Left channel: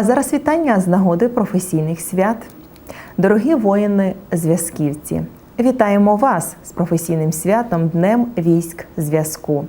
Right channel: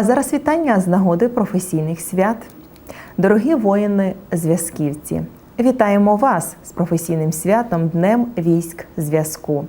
А зараз вітання з нагоди професійних свят. Дорогі воїни зв'язківці, вітаємо вас з професійним святом Днем військ зв'язку.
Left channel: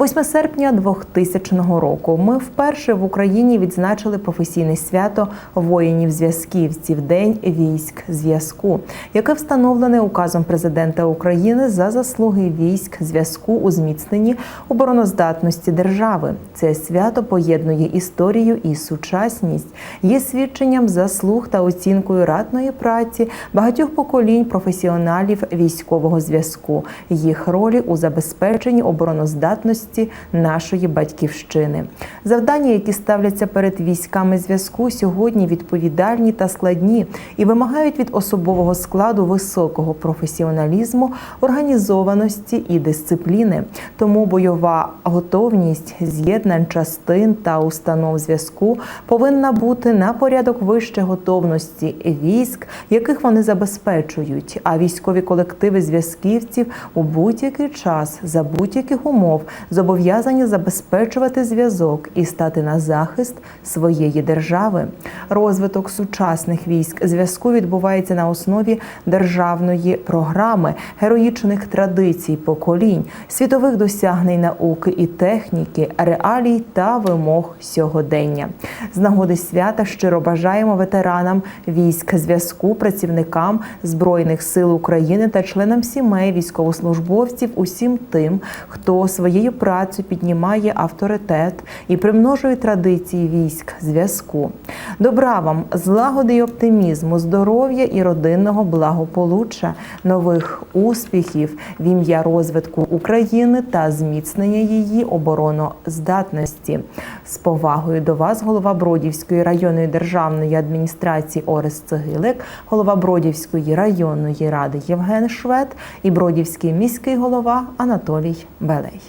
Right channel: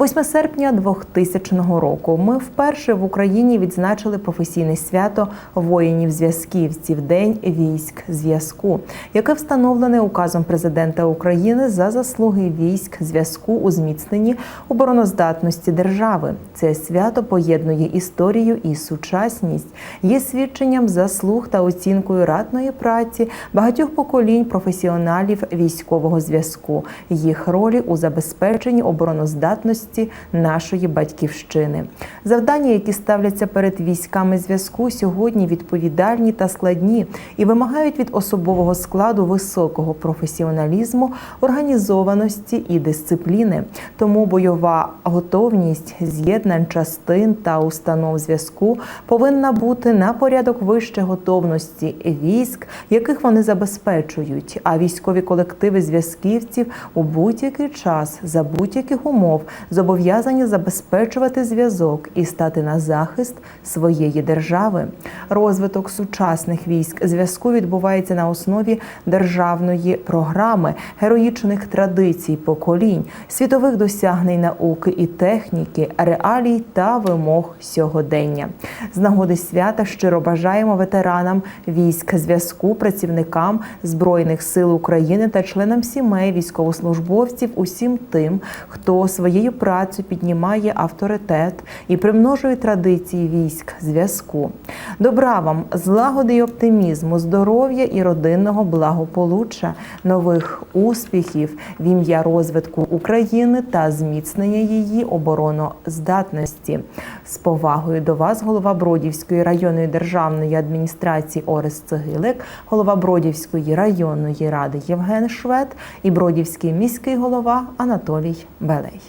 8 серпня 2000 року ми вперше в Україні відзначили професійне свято воїнів зв'язківців День військ зв'язку, яке встановлене указом президента України за заслуги військ зв'язку у зміцненні обороноздатності держави. Це свято поєднує історію і сучасність, є свідченням заслуг та оцінкою ратної праці багатьох поколінь професіоналів військового зв'язку, їх ролі у забезпеченні обороноздатності нашої батьківщини. Завдання, які ставляться перед військами зв'язку, сьогодні відповідальні та складні і вимагають від особового складу високого професіоналізму, організованості і дисципліни. Тому бойова готовність з'єднань частин та установ зв'язку повинна бути на порядок вище готовності військ, яких вони забезпечують. А військові колективи зв'язківців у будь-який час за будь-яких умов зобов'язані забезпечувати зв'язок і стати на захист своєї держави. Розвиток сучасних військ зв'язку відбувається на основі державної програми, героїчних традицій поколінь, світових досягнень науки і техніки, реалій та вимог сьогодення. З нагоди свята щиро бажаємо ветеранам військ зв'язку, працівникам збройних сил України та членам сімей військовослужбовців, усім тим, хто своєю працю піднімає авторитет і примножує традиції військ зв'язку. Добра вам, злагоди й оптимізму, здоров'я і родинного благополуччя, нових успіхів в ім'я розвитку України та зміцнення її обороноздатності. З повагою до вас, голова Бродівської районної державної адміністрації Орес Цегилик, голова Бродівської районної ради Євген Швед і Бродівський міський голова Анатолій Белей.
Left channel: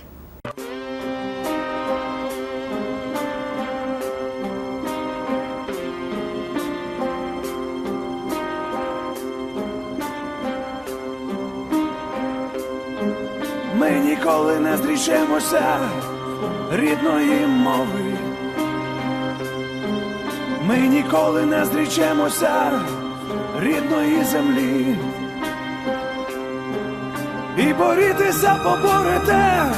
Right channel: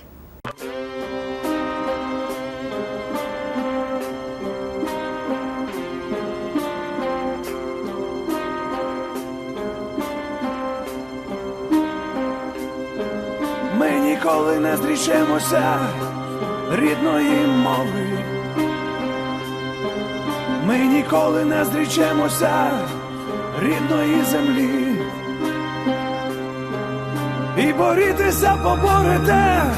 Ми ніколи не зрічемося рідної мови. Ми ніколи не зрічемося рідної землі. І борітися поборете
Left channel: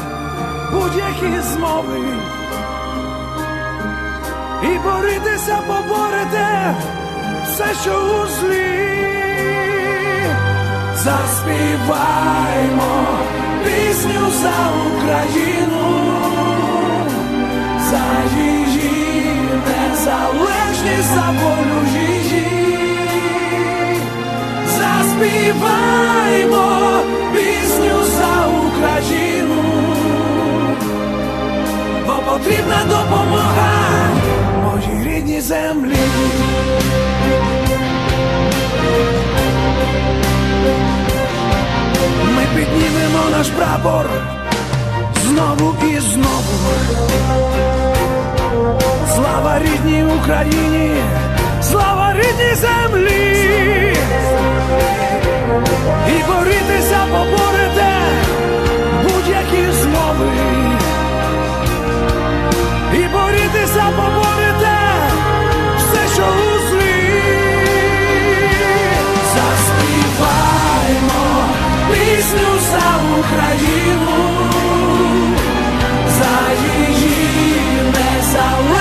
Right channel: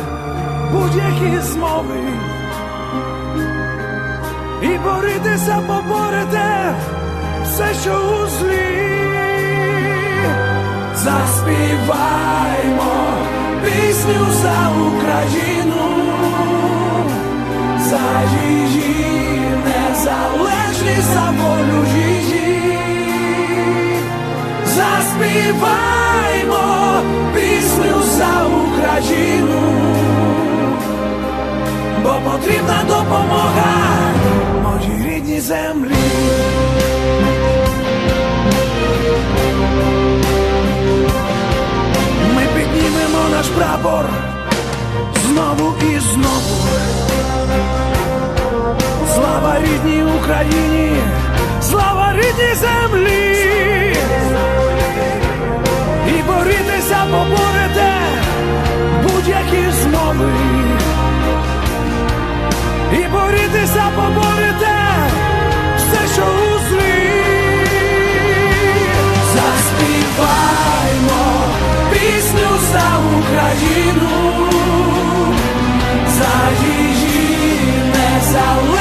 будь-які змови. І борітися поборете все, що у злі. Заспіваймо пісню за Україну, за її незалежність, за волю її. Заспіваймо пісню за Україну, бо потрібна допомога моїй рідній землі. Рідній Україні, слава рідній землі. І борітися поборете будь-які змови. І борітися поборете все, що у злі. Заспіваймо пісню за Україну, за її незалежність,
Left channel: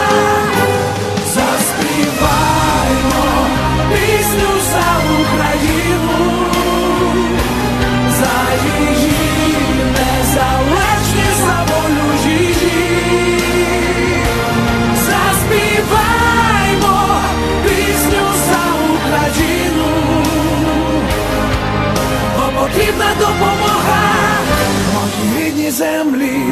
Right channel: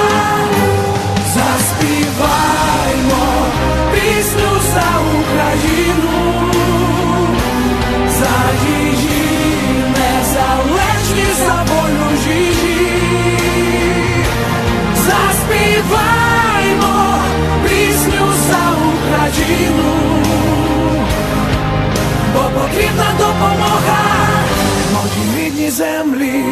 землі.